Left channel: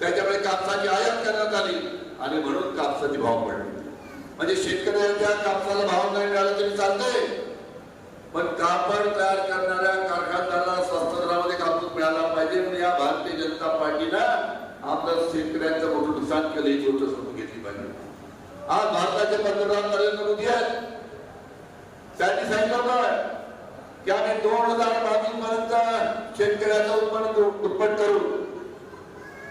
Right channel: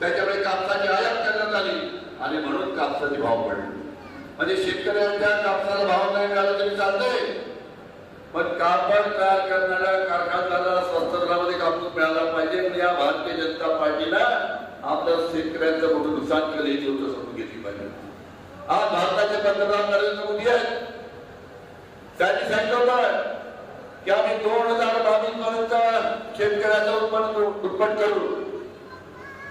त्याच्यामुळे कापसाची आयात करण्यात आली आणि म्हणून कापसाचे भाव पडले. म्हणजे शेतकऱ्यांच्या कापसाला भाव नाही मिळाला तरी चालतंय. पण कापड तयार करणाऱ्या कारखानदाराला स्वस्त दरामध्ये कापूस मिळाला पाहिजे. या भारतीय जनता पार्टीला आपल्या शेतकऱ्यांचं मोठं नुकसान केलं ही गोष्ट समजून घेतली पाहिजे. आज भारताचे पंतप्रधान नरेंद्र मोदी आहेत. त्यांनी सांगितलं होतं की आम्ही दोन हजार बावीस पर्यंत शेतकऱ्याचं उत्पन्न उत्पन्न करू.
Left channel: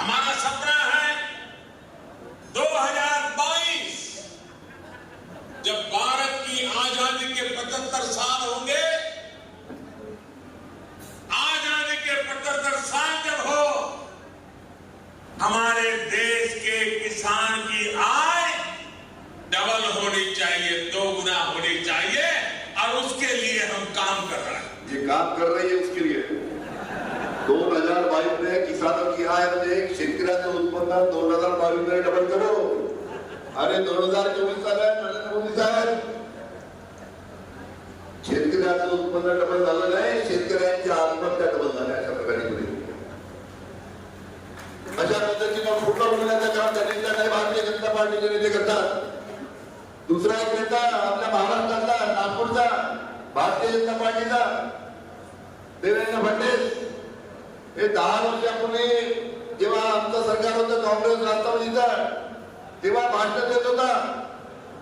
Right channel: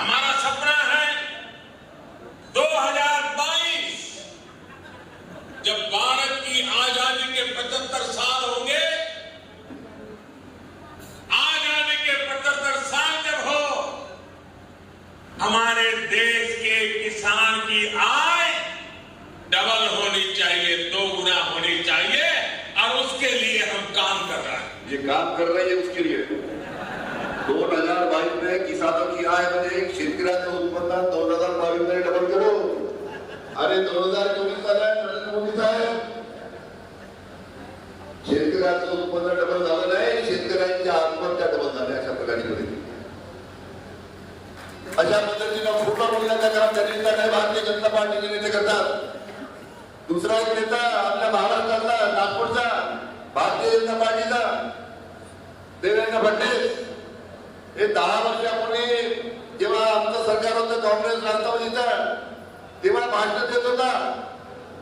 हमारा सपना है 2022 जब भारत की आज़ादी के 75 साल होंगे, आज़ादी के 75 साल जब हो, हमारे देश के किसान की आय डबल होनी चाहिए, दो गुना होनी चाहिए, और उसके लिए हम काम कर रहे हैं। ये काम कर रही है उसके लिए। दोन हजार बावीसमध्ये किसान की मध्ये शेतकऱ्यांचं उत्पन्न दोन हजार बावीसमध्ये डबल करू. अरे दोन हजार चोवीस आहे नरेंद्र मोदी साहेब. शेतकऱ्यांचं उत्पन्न डबल झालं नाही शेतकऱ्यांच्या आत्महत्या डबल झाल्या अशा प्रकारे केली. अशा पद्धतीनं फुटबॉल बोलण्याचा क्रम त्यांनी काही भारतीय जनता पार्टीचे नेते करतात. दुसरा एक नेता आपल्या महाराष्ट्रातला नागपूरचा भारतीय जनता पार्टीचा देवेंद्र फडणवीस. हे दहा वर्षापूर्वी जेव्हा आमचं सरकार होतं काँग्रेस राष्ट्रवादीचं तेव्हा भाषण देत होता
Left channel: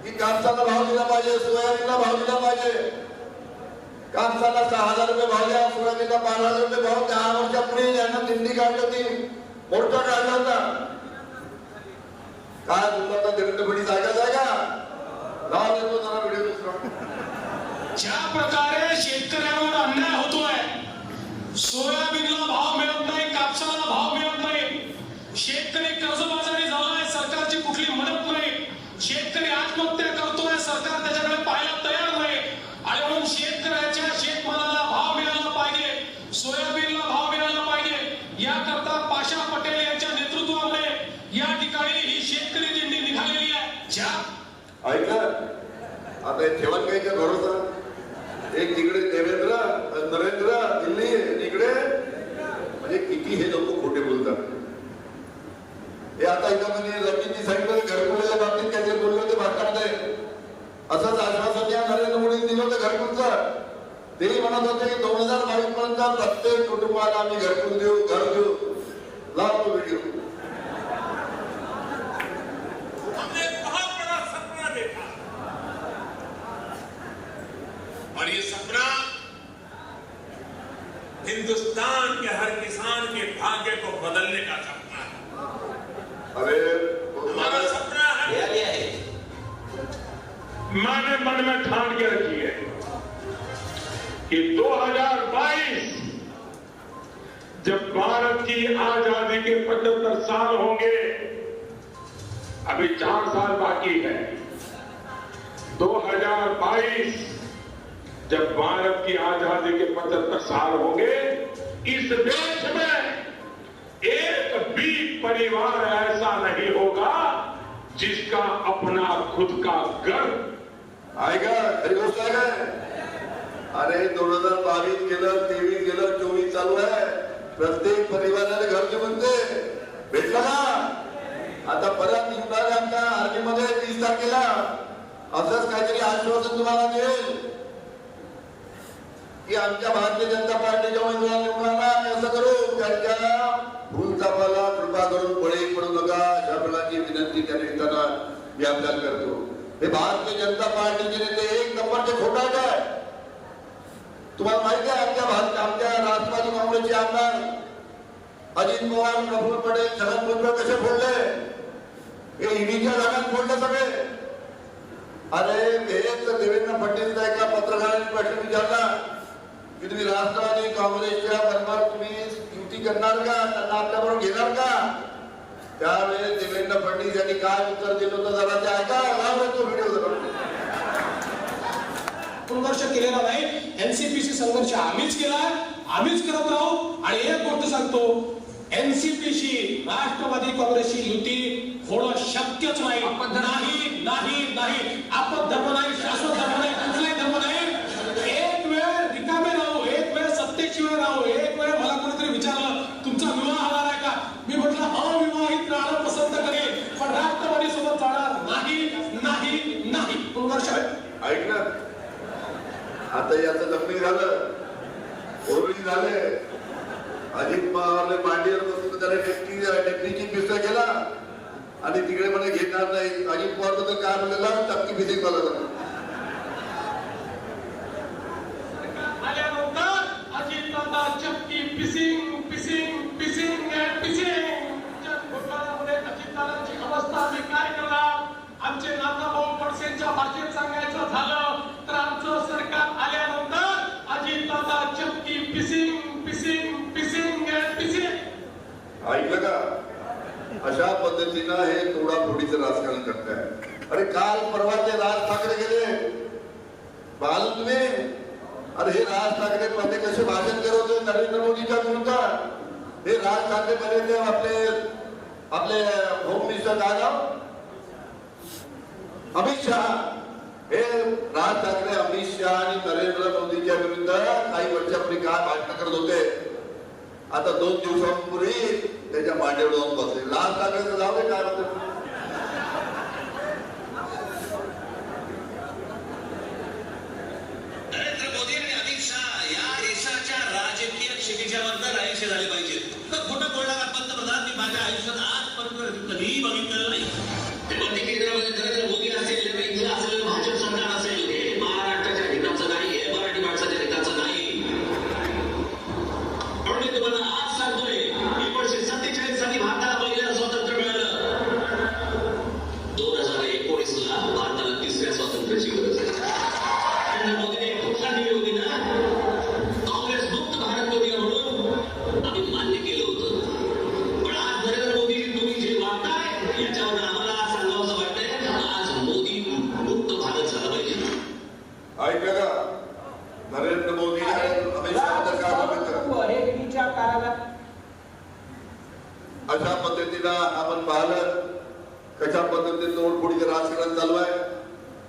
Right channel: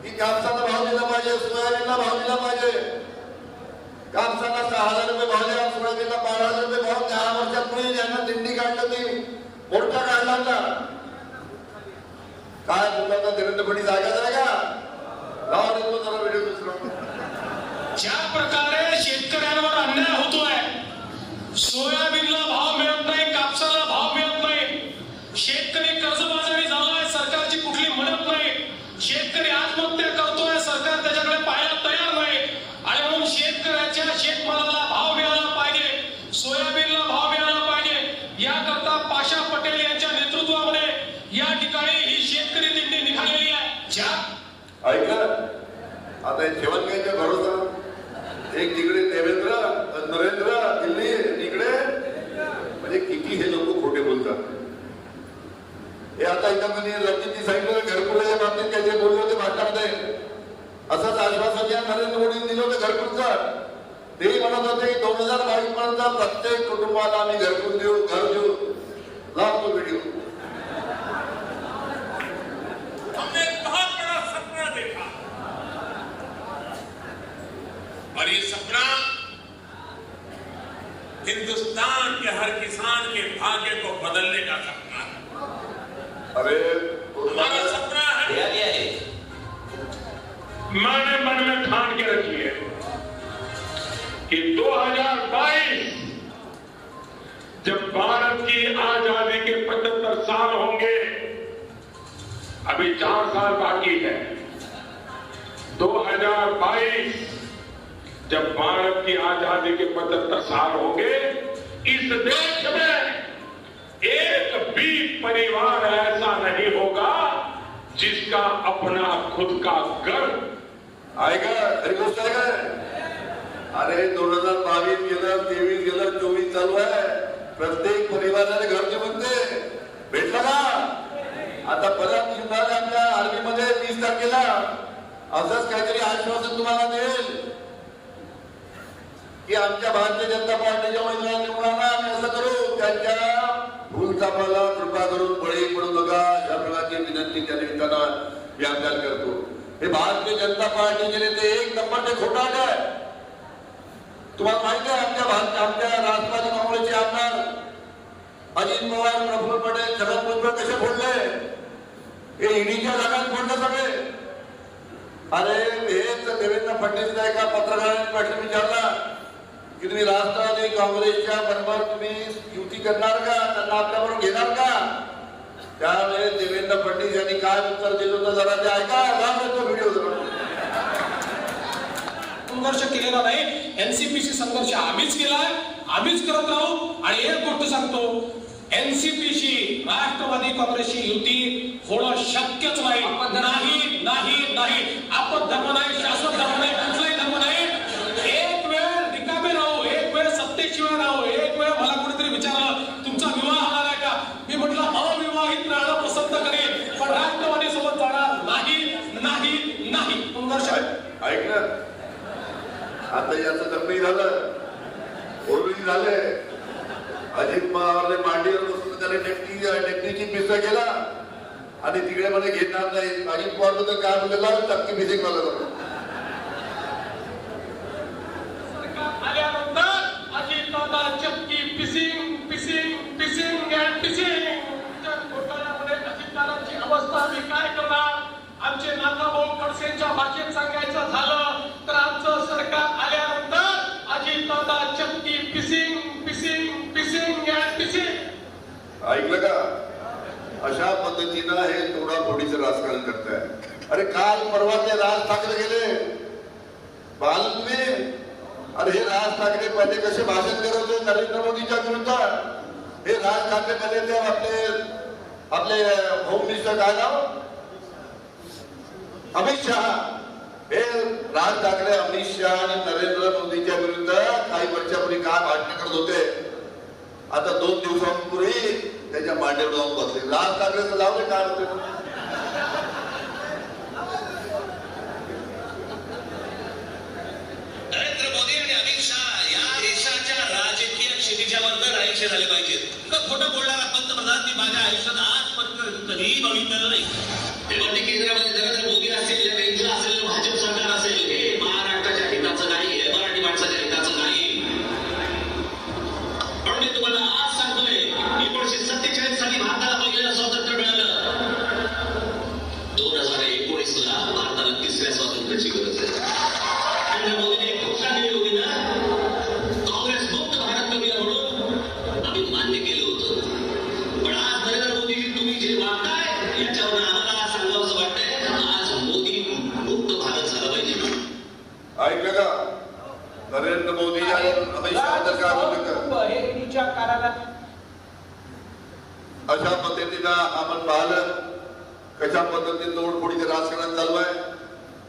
की कापसाला भाव दिला पाहिजे सोयाबीनला भाव दिला पाहिजे. कापसाला सहा हजार रुपये भाव द्या सोयाबीनला बारा हजार रुपये भाव दहा वर्षापूर्वी यांना दिंडी काढलं ती मोठा काढला होता. काय बोलला तो देवेंद्र फडणवीस ऐकायचं आहे लावा देतो जरा व्हिडिओ दुसरा. ज्या प्रकारे शेतकऱ्यांवर अन्याय होतोय सोयाबीन Aitäh! और ये सपना हिंदुस्तान के हर किसान के भाग्य को बदलने का सपना है अरे हमारा सपना है। मैंने मन में ठान के रखी है कि 2022 जब भारत की आज़ादी के 75 साल होंगे अभी चार साल बाकी है। 2022 जब भारत की आज़ादी के 75 साल होंगे, इस देश में एक भी परिवार ऐसा नहीं होगा जिसका अपना खुद का घर का अरे दोन हज़ार बावीस गेलं, तेवीस गेलं चोवीस चालू आहे प्रत्येक परिवाराला घरचे म्हणते भेटलं का आता परत आमच्या आर्मीमध्ये तीस तारखेला। असंच काहीतरी आश्वासन तुम्हाला देईल की आमच्या भारतीय जनता पार्टीच्या उमेदवार मुलांना आम्ही असं करू त्यांच्या फुलचापाला कृपा करून बळी पडू नका. अशा प्रकारची विनंती त्या निमित्तानं मी आपल्याला करतो. हे भारतीय जनता पार्टीचे नेते एक नंबरचे खोटाट आहे तुम्हाला माहिती आहे आमच्या भारत आमच्या राष्ट्रवादी काँग्रेसचे आमदार अजित पवार प्रफुल्ल पटेल छगन भुजबळ कसे फोडले? हे ईडीच्या जागात फोडले सगळे. अरे हेच देवेंद्र फडणवीस एका पत्रकारांनी प्रश्न विचारला. की तुम्ही राष्ट्रवादी काँग्रेसच्या बरोबर तुम्ही युती करणार का? त्यांना आपल्याबरोबर घेणार का? त्यावेळेस देवेंद्र फडणवीस यांनी काय उत्तर दिलं होतं जरा ते ऐका तो व्हिडिओ संघर्ष केलेला नाही एनसीपीसी संघर्ष आम्हीच केलाय आम्हीच करत राहू आणि एक गोष्ट सांगतो एनसीपीशी राष्ट्रवादी काँग्रेसची युती होणं शक्यच नाही. नाही नाही नाही. आपण धर्म नाही शाश्वत धर्म नाही कुठलाही धर्म नाही एक वेळ रिकामे राहू एक राहू एक वेळ मला कोणीतरी विचारलं तुमचा विवाह होणार आहे का? मी म्हटलं अविवाहित राहणं पसंत करेन पण राष्ट्रवादी सोबत जाणार नाही नाही नाही. ऐक ना. आता याचं लग्न झालं. ओरबी झालंय अजित पवारने मांडीवर बसून त्याला डेप्टी डेप्टीची पिसा केला. आणि तिकडे मला घेणार नाही. अजित पवार तर काय बोलला टक्की आल्यानंतर अजितदादा चक्की पिसिंग पिसिंग पिसिंग अँड पिसिंग घोटाळ्यामध्ये अजितदादांची अवस्था आम्ही काय करणार आमचे नाना भाऊ पडसेंच्या भाषेत सांगायचं झालं तर आमचं सरकार आल्यानंतर अजित दादा चक्की पिसिंग पिसिंग पिसिंग पिसिंग. ऐकलं का? अशा पद्धतीनं हे तोडाफोडीचं राजकारण करताय. अरे काल परवा ते राज ठाकरे गेले. पाहिलं तुम्ही अरे हे राज ठाकरे पहिले कसे भाषण करत होते नरेंद्र मोदीच्या विरुद्ध? हे राज ठाकरे पहिले आपले आपले होम मिनिस्टर काय नाव? अमित शहा हे राज ठाकरे अमित शहा आणि नरेंद्र मोदीच्या विरुद्ध काही वर्षापूर्वी काय भाषण करत होते? आता दोन दिवसांपूर्वी त्याच्या मांडीवर जाऊन बसले. राज ठाकरे लावले का नरेंद्र मोदी आणि अमित शहा या देशाच्या राजकीय क्षितिजावर आयुष्य झाले पाहिजेत खोटं बोलणारा पंतप्रधान मी माझ्या आयुष्यात आजपर्यंत कधीही बघितलेलं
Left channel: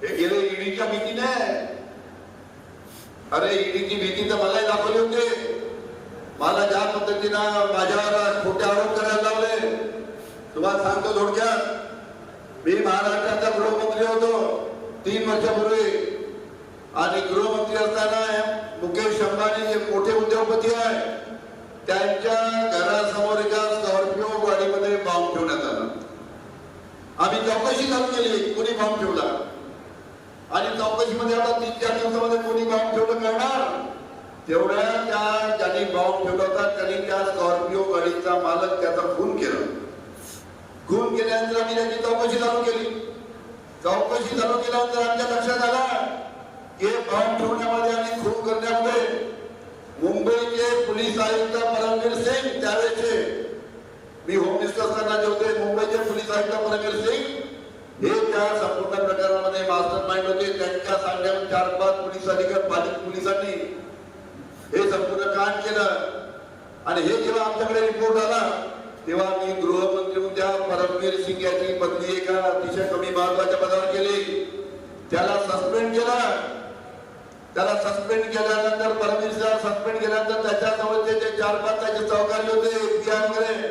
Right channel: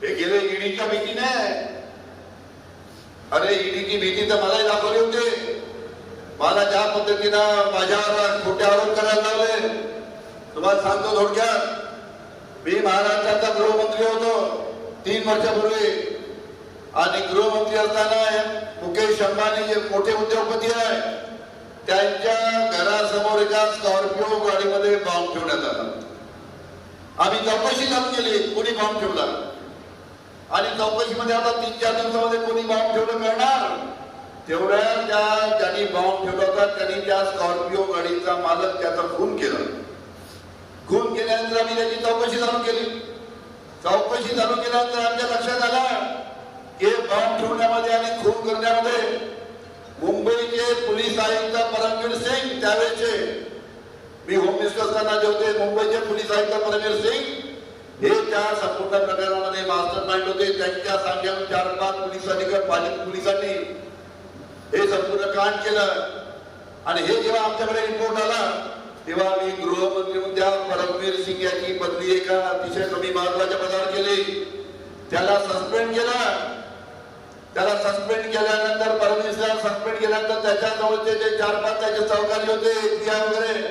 हे गेले ईडीच्या भीतीने अरे ईडीची भीती तर मलाही दाखवली होती. मला ज्या पद्धतीनं माझ्यावर खोटे आरोप करायला लागले तुम्हाला सांगतो थोडक्यात. मी महाराष्ट्राचा गृहमंत्री होतो. तीन वर्षापूर्वी. आणि गृहमंत्री असताना मुकेश अंबानी जे मोठे उद्योगपती आहे. त्यांच्या घरासमोर एका स्कॉर्पिओ गाडीमध्ये बॉम्ब ठेवण्यात आला. आम्ही चौकशी चालू केली कोणी बॉम्ब ठेवला? चौकशीमध्ये आता तीन चार दिवसामध्ये कोणी बॉम्ब ठेवलं करणार तेवढ्या त्या ज्यांनी बॉम्ब ठेवला होता त्यांनी त्या स्कॉर्पिओ गाडीचा मालक त्याचा खून केला. खून केल्यानंतर आम्ही त्याची चौकशी चालू केली. चौकशी चालू केल्यानंतर आमच्या लक्षात आला की बॉम्ब ठेवण्यामध्ये आणि खून करण्यामध्ये मुंबईचे पोलीस आयुक्त परमवीर सिंग त्यावेळेचे मी होम मिनिस्टर असताना जे होते मुंबईचे पोलीस आयुक्त परमवीर सिंग हे त्या संपूर्ण प्रकरणामध्ये मास्टर माइंड होते. त्यांच्या सांगण्यावर चार पाच पोलीस अधिकारी भाजप पोलिसांनी हे संपूर्ण कांड केलं. आणि हे जेव्हा आमच्याकडे रिपोर्ट आला तेव्हा मी गृहमंत्री उद्या परमवीर सिंग याची बदली एका अतिशय कमी महत्त्वाच्या पदावर केली त्याला सस्पेंड केला. त्याला सस्पेंड केल्यानंतर परमेश्वर सस्पेंड केल्यानंतर त्याच्याजवळचे जे चार पाच त्याचे सहकारी होते वगैरे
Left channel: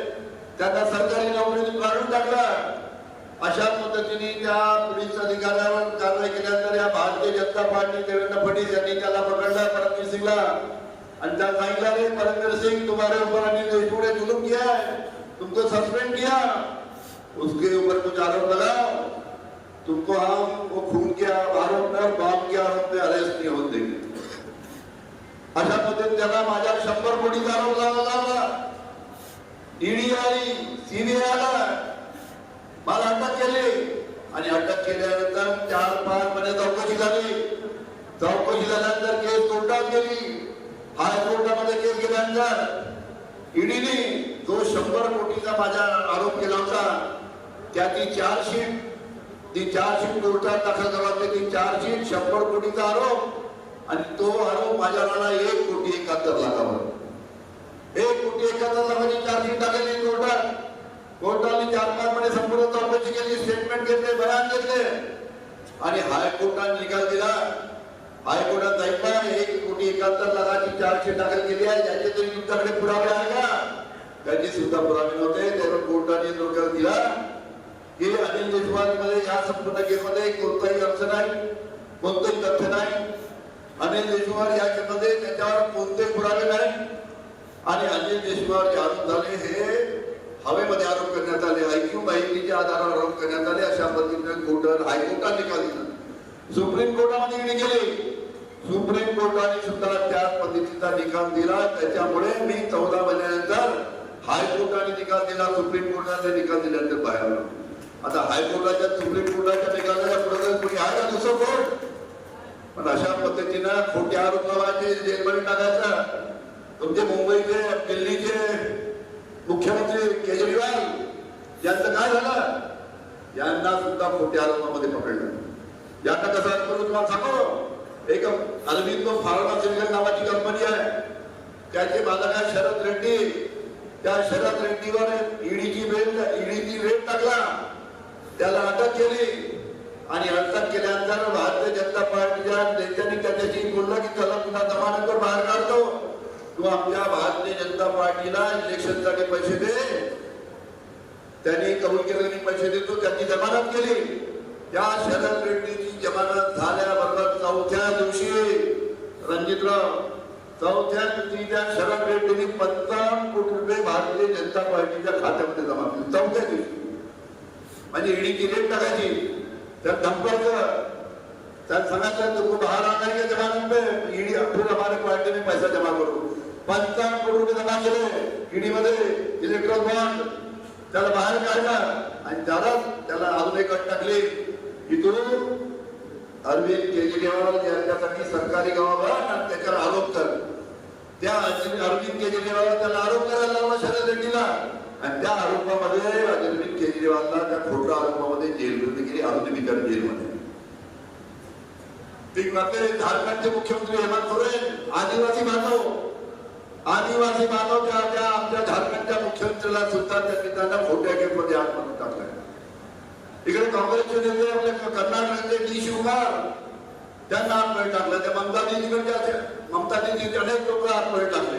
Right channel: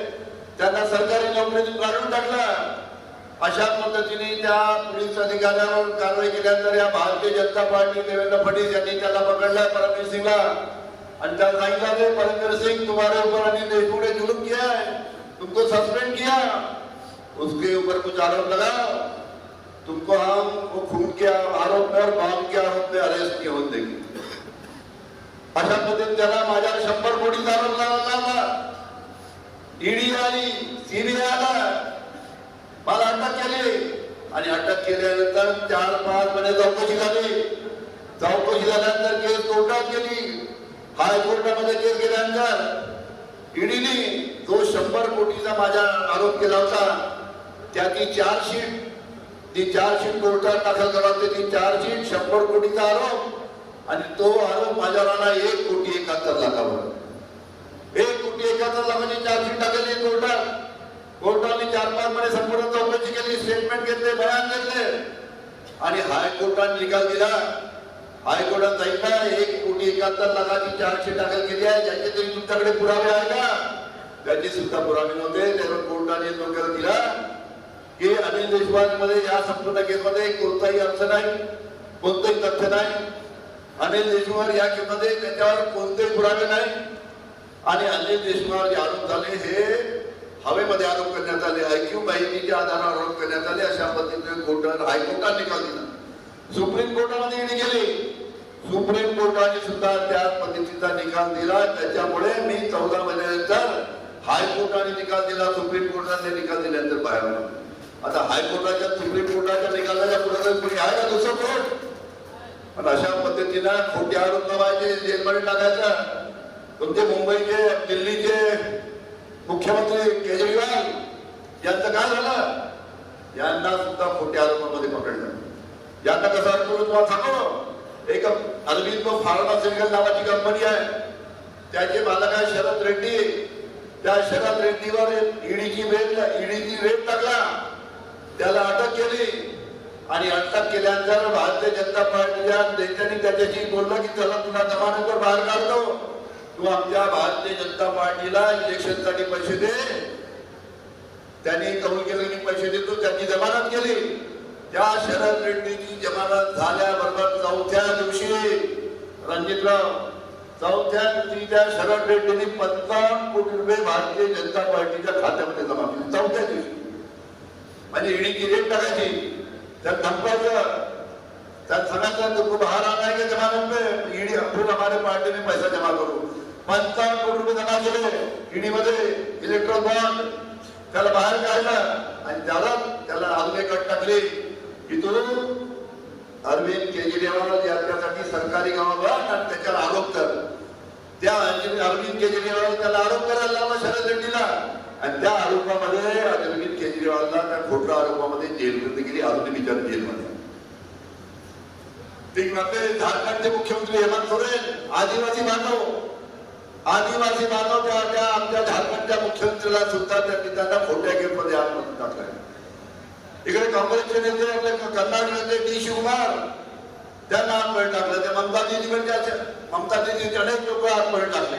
त्यांना सरकारी नोकरीतून काढून टाकला. अशा पद्धतीने त्या पोलीस अधिकाऱ्यावर कारवाई भारतीय जनता पार्टी देवेंद्र फडणवीस यांनी परमवीर सिंगला. परमवीर सिंग, तुम्हारे ऊपर पूरे जुलूम किया है, तुमको सस्पेंड किया. उसके ऊपर कुछ आरोप लगाओ. तुमको हम वो खून के आरोप में और बॉम्ब के आरोप में अरेस्ट किए होते अशा पद्धतीने त्याला माझ्या शंभर आरोप लावला. ईडी आली, सीबीआय आला. मला अटक केली. आणि अटक केल्यानंतर चार पाच महिने चौकशी झाली. चौकशी झाल्यानंतर केस कोर्टात गेली. हायकोर्टामध्ये केस गेल्यानंतर ईडीने जो शंभर कोटीचा माझा आरोप केला होता त्याची चार्जशीट ती चार्जशीट कोर्टात दाखल करावं ती चार्जशीट शंभर कोटीचा आरोप आणि तो आरोप माझ्या एक कोटी एकाहत्तर लाखावर. एक कोटी एकाहत्तर म्हणजे चार्जशीट टाकली कोर्टात कोर्टाने चार संपूर्ण चौकशी केली स्टेटमेंट घेतले बयान घेतले. आणि हायकोर्टाने निकाल दिला. हायकोर्टात सांगितलं एक कोटी एकाहत्तर लाखाची चार्जशीट दाखल केली आहे. ज्याचे तरी तुमच्याकडे पुरावे आहे का? त्यांनी सुद्धा पुरावे नव्हते. त्यावर कोर्टाने निकाल दिला. की अनिल देशपांडे मध्ये या संपूर्ण केसमध्ये कोणताही अर्थ नाही. कोणतंही तथ्य नाही. अनिल देशमुख या केसमध्ये त्याच्यावर कोणतेही पुरावे नाही. आणि अनिल देशमुख जे आरोप झाले हे हवेमध्ये आरोप करण्यात आले आयक्यू माहितीच्या आधारावर आरोप करण्यात आले अशा पद्धतीने कोर्ट हायकोर्टात निकाल दिला. सुप्रीम कोर्टामध्ये ईडी गेले सुप्रीम कोर्टाने सुद्धा त्याच पद्धतीचा निकाल दिला. त्याच्यामुळे मी चौदा महिन्यानंतर हायकोर्टाने निकाल दिला. सुप्रीम कोर्टाने निकाल दिल्यानंतर बाहेर आता हायकोर्टाच्या सुप्रीम कोर्टाच्या निकालाच्या पुढे कोणी आहे का दुसरं कोर्ट आणि अशा पद्धतीनं खोटे आरोप लावायचे जेलमध्ये टाकायचं. कोणते मुंबईचे दिल्ली मुख्यमंत्री केजरीवाल यांचं काय झालं यांना सुद्धा खोट्या आरोपामध्ये पकडलं यांना कसं करून तुम्हाला सांगतो एक अरविंद फार्मास्युटिकल नावाची कंपनी आहे. त्याचे मालक आहे शरद रेड्डी. त्या शरद रेड्डीवर ईडीची रेट ईडीची रेट टाकला. त्याला अटक केली. आणि अटक केल्यानंतर भारतीय जनता पार्टीच्या नेत्यांनी त्याच्याशी बोललं की त्याला पुन्हा जमानतवर बाहेर काढतो. तू आमच्या भारतीय जनता पार्टीला इलेक्शनसाठी पैसे दे. त्यांनी कबूल केले की पैसे देतो. त्यांनी जमानत केली. त्या शरद रेड्डीची जमानत झाल्याबरोबर चौथ्या घेतलं. चौथ्या दिवशी त्या शरद रेड्डीने पंचावन्न कोटी रुपये भारतीय जनता पार्टीच्या खात्यामध्ये जमा केले. चौथ्या दिवशी. म्हणजे ईडीची रेट टाकायची त्या धमकायचं त्यात सांगायचं तो बाहेर आणणार का जमा में ईडी अब्दुल हमारे पार्टीने पैसा जमा करू पंचावन्न कोटी रुपये जमा केले. ईडी मध्ये इलेक्ट्रॉन बँक त्याला बाहेर काढलं. आणि त्याला त्याला अजून एक टाकले. की इथून अरविंद केजरीवाल यांच्यासाठी सरकारी गावाला आणि त्याच्यावर आरोप कर त्या अरविंद केजरीवाल त्याला आरोप करायला लावला शरद रेड्डीला. आणि त्या आरोपामध्ये अरविंद केजरीवालला त्या खोट्या आरोपामध्ये जेलमध्ये गेली अजून विचार जेलमध्ये ते म्हणते झारखंडचे मुख्यमंत्री हेमंत सोरेन आदिवासी बांधव. आदिवासी बांधव त्या त्या आमच्या झारखंडच्या मुख्यमंत्र्याला सुद्धा त्या त्यांना खोट्या केसमध्ये मध्ये टाकलाय इकडे काँग्रेसचे नेते आपले कर्नाटक नेते डी शिवकुमार त्यांना आतमध्ये टाकलं. त्या ममताजीकडे दिदीकडच्या ममता दिदीचे अनेक लोक आतमध्ये टाकले.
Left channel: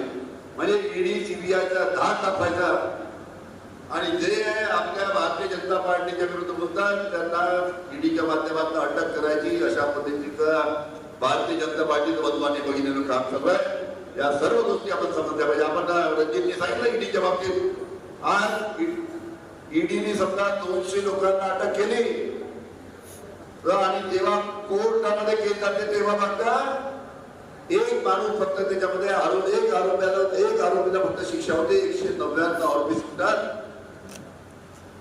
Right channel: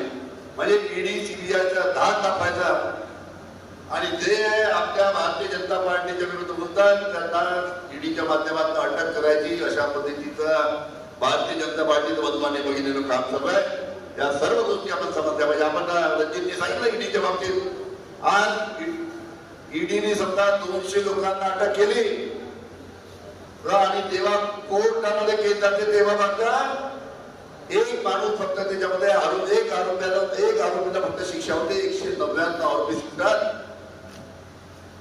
म्हणजे ईडी सीबीआयच्या दहा तापायचा आणि जे आपल्या भारतीय जनता पार्टीच्या विरुद्ध बोलतात त्यांना ईडीच्या माध्यमातून अटक करायची अशा पद्धतीचा भारतीय जनता पार्टीचं बदलाने बघितलेलं काम चालू आहे. या सर्व गोष्टी आपण समजल्या पाहिजे. आपण रणजितने सांगितलं ईडीच्या बाबतीत. आज ईडीने समजा दोनशे लोकांना अटक केली. तर आणि जेव्हा त्यामध्ये केस जाते तेव्हा मात्र एक माणूस फक्त त्याच्यामध्ये आरोप एक आरोप्याला एक आरोपीला फक्त शिक्षा होते. एकशे नव्याण्णव आरोपी सुटतात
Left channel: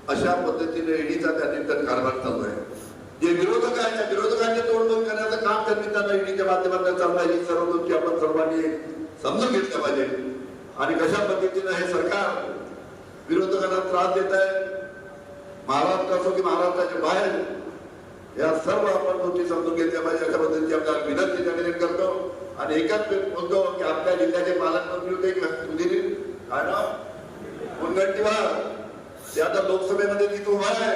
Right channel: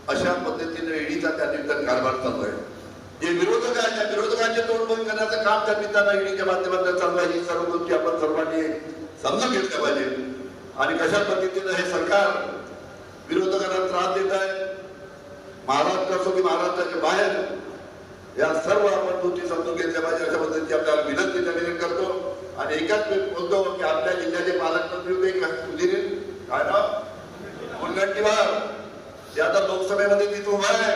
अशा पद्धतीने ईडीचा त्या निमित्तानं कारभार चालू आहे. जे विरोधक आहेत त्या विरोधकांचे तोडबंद करण्याचं काम त्या निमित्तानं ईडीच्या माध्यमातून चालू आहे. ही सर्व गोष्टी आपण सर्वांनी समजून घेतल्या पाहिजे. आणि कशा पद्धतीनं हे सरकार विरोधकांना त्रास देत आहे महाराष्ट्र असो की महाराष्ट्राच्या बाहेर या सर्व आपण गोष्टी समजून घेतल्या पाहिजे अशा पद्धतीची आपल्याला विनंती त्या करतो. आणि एकाच बोलतो की आपल्या जिल्ह्याचे पालकमंत्री होते सुधीर ना मुनगंटीवार. ते आता लोकसभेमध्ये तिथून उभा आहे.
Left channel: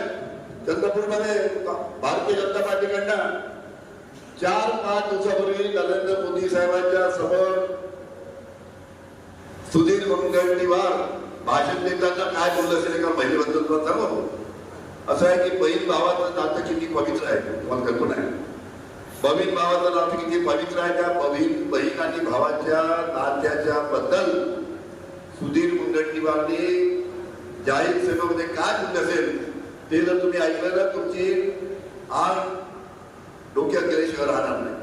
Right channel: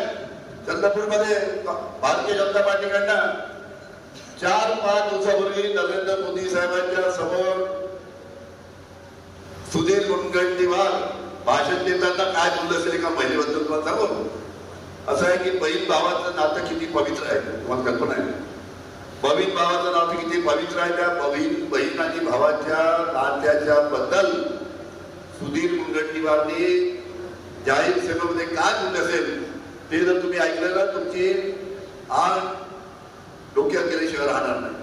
चंद्रपूरमध्ये भारतीय जनता पार्टीकडनं चार पाच दिवसापूर्वी नरेंद्र मोदी साहेबांच्या समोर सुधीर मुनगंटीवार भाषण देताना काय बोलत असेल एका महिलेबद्दल तुला सांगू? असं आहे की बहीण भावाचं नातं किती पवित्र आहे तुम्हाला कल्पना आहे? बहीण भावाचं नातं किती पवित्र आहे त्या बहीण बहीण आणि भावाच्या नात्याच्या बद्दल सुधीर मुनगंटीवारनी जाहीर सभेमध्ये काय बोलले असेल ते जर तुम्ही ऐकलं ना तुमची आग डोक्यात गेल्याशिवाय राहणार नाही.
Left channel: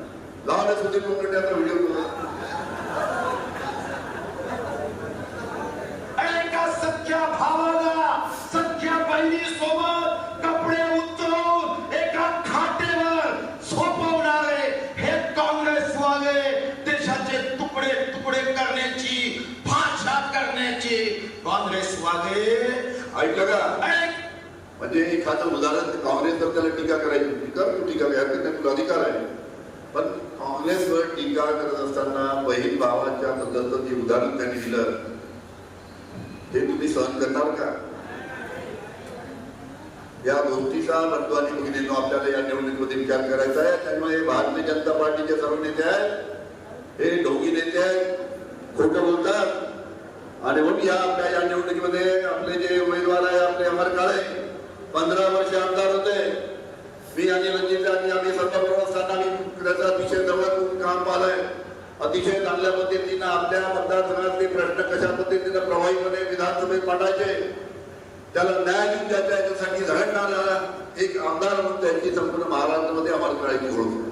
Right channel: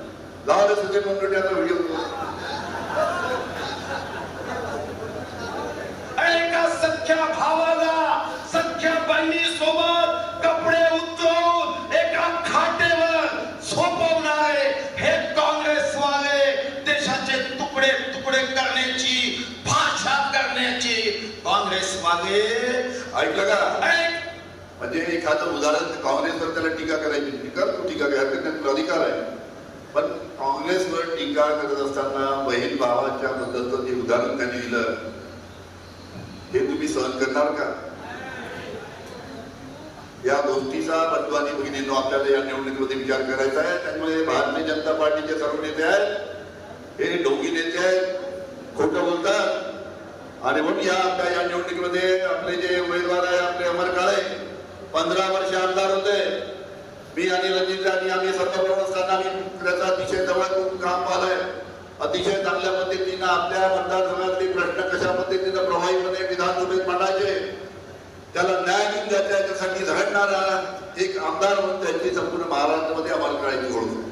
लावले सुधीर आता व्हिडिओ एका सख्या भावाला सख्या बहिणी सोबत कपडे उतरून एका खाटेवर झोपवणारे हे काँग्रेसवाले देशाचे तुकडे तुकडे करण्याची भाषा करण्याची काँग्रेस वाले ऐका. म्हणजे एखादं उदाहरण काँग्रेसवर त्याला टीका करायची. टीका टीका घ्या हरकत तुला अधिकार आहे? पण काँग्रेसवर टीका करत असताना बहीण भावाच्या बद्दलचं जे उदाहरण त्यांनी दिलं तुम्ही सहन करणार का? या गोष्टीचा रत्वानी भगिनींनो आपल्याला या निवडणुकीमध्ये विचार करायचा आहे. त्यामुळे भारतीय जनता पार्टीचे सर्व नेते आहेत. हे ढोंगी नेते आहेत. खोट बोलतात. आणि म्हणून या आपल्या या निवडणुकीमध्ये आपले जे उमेदवार आहे आपले अमर काळे पंधरा वर्ष आमदार होते. मी आणि रणजित आणि आम्ही सत्ताप्रमुख असताना आम्ही त्याचा अतिशय जवळ काम पाहलंय. अतिशय चांगल्या पद्धतीनं आपल्या मतदारसंघातले प्रश्न कशा करणारा एक आमदार म्हणून त्यांची संपूर्ण महाराष्ट्रामध्ये अमल करायची ओळख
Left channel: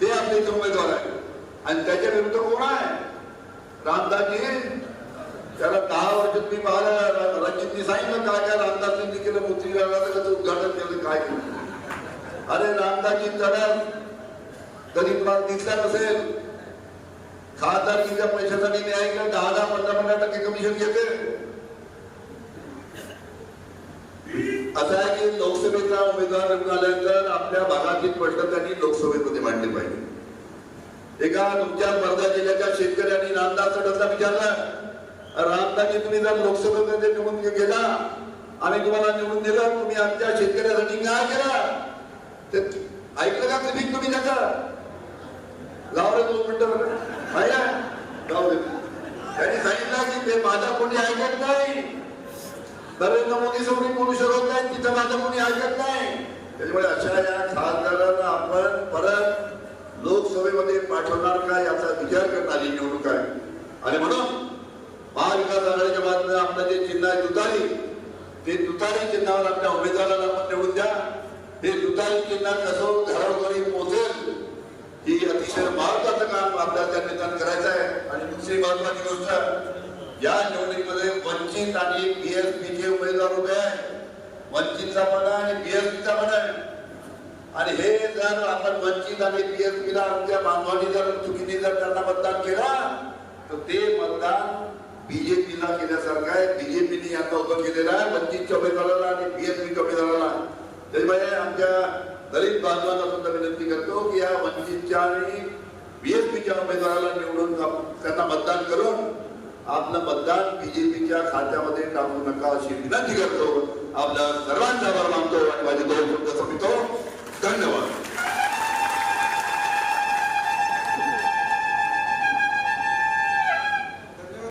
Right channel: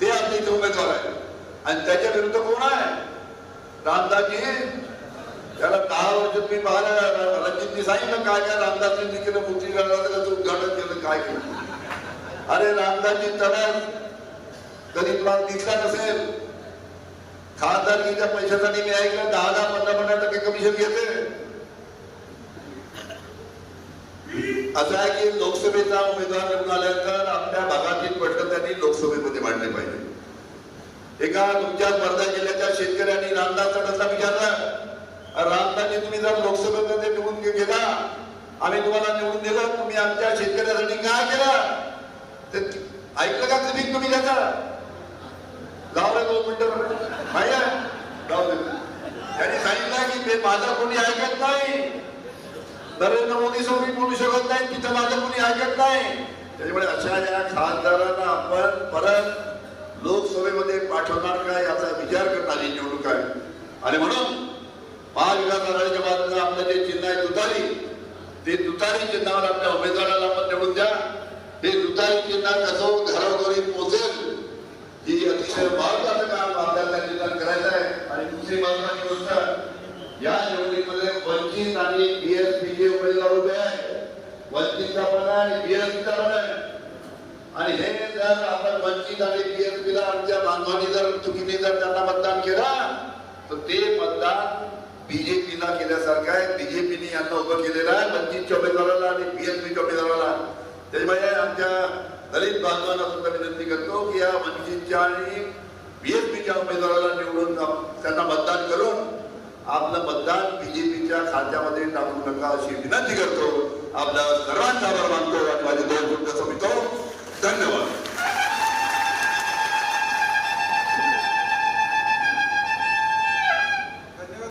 ते आपले इथे उमेदवार आहे आणि त्याच्या विरुद्ध कोण आहे? रामदासजी. त्याला दहा वर्ष मी पाहिलं. रणजितनी सांगितलं काय काय रामदासजींनी केलं मुक्ती त्याचं उद्घाटन केलं काय केलं? अरे रामदासजी त्याला कधी तुम्हाला दिसला नसेल. खासदारकीच्या पैशासाठी मी ऐकलं दहा दहा पंधरा पंधरा टक्के कमिशन घेते. असं आहे की लोकसभेचा उमेदवार निवडून आपल्या भागातील प्रश्न त्यांनी लोकसभेमध्ये मांडले पाहिजे. एका तुमच्या स्पर्धा जिल्ह्याच्या शेतकऱ्यांनी रामदास विचारला रामदासने तुम्ही जर लोकसभेमध्ये निवडून गेला आम्ही तुम्हाला निवडून दिलं तुम्ही आमच्या शेतकऱ्यासाठी काय केला? ते ऐकलं का कधी तुम्ही त्याचा? लावलं दोन मिनिटं. नाही आहे? जाऊ दे. त्यांनी सांगितलं की ते माझा कोणी ऐकत नाही. नरेंद्र मोदी समोर बोलू शकत नाही तिथं माझं कोणी ऐकत नाही. त्याच्यामुळे अशा या खासदारांना आपण परत लोकसभेमध्ये पाठवणार का याचा विचार करणारी निवडणूक आहे आणि म्हणून महाविकास आघाडीच्या बाजूने आपलं जे चिन्ह आहे दुतारी ते दुतारी चिन्हावर आपल्या उमेदवाराला आपण निवडून द्या. हे दुतारी चिन्ह कसं घराघरी पोहोचेल ही अतिशय महत्वाचं काम आपल्याला निर्माण करायचं आहे. आणि दुसरी महत्वाची गोष्ट या निवडणुकीमध्ये वंचित आणि बीएसपीचे उमेदवार उभे आहे वंचितचा पण आहे आणि बीएसपीचा पण आहे. आणि हे जर आपण वंचित आणि बीएसपीला आमच्या बांधवांनी जर चुकीने जर त्यांना मतदान केलं तर ते मतदान बीजेपीला केल्यासारखं आहे. बीजेपीने यांना उभं केलेलं आहे. वंचितच्या उमेदवाराला आणि बीएसपीच्या उमेदवाराला. त्याच्यामुळे आमच्या दलित बांधवांना सुद्धा विनंती करतो की या वंचितच्या आणि बीएसपीच्या उमेदवाराला निवडून त्यांना मतदान करून आपलं मतदान बीजेपीच्या खात्यामध्ये टाकू नका अशी विनंती करतो. आपल्या सर्वांचा आभार मानतो. माझे दोन शब्द संपतो धन्यवाद.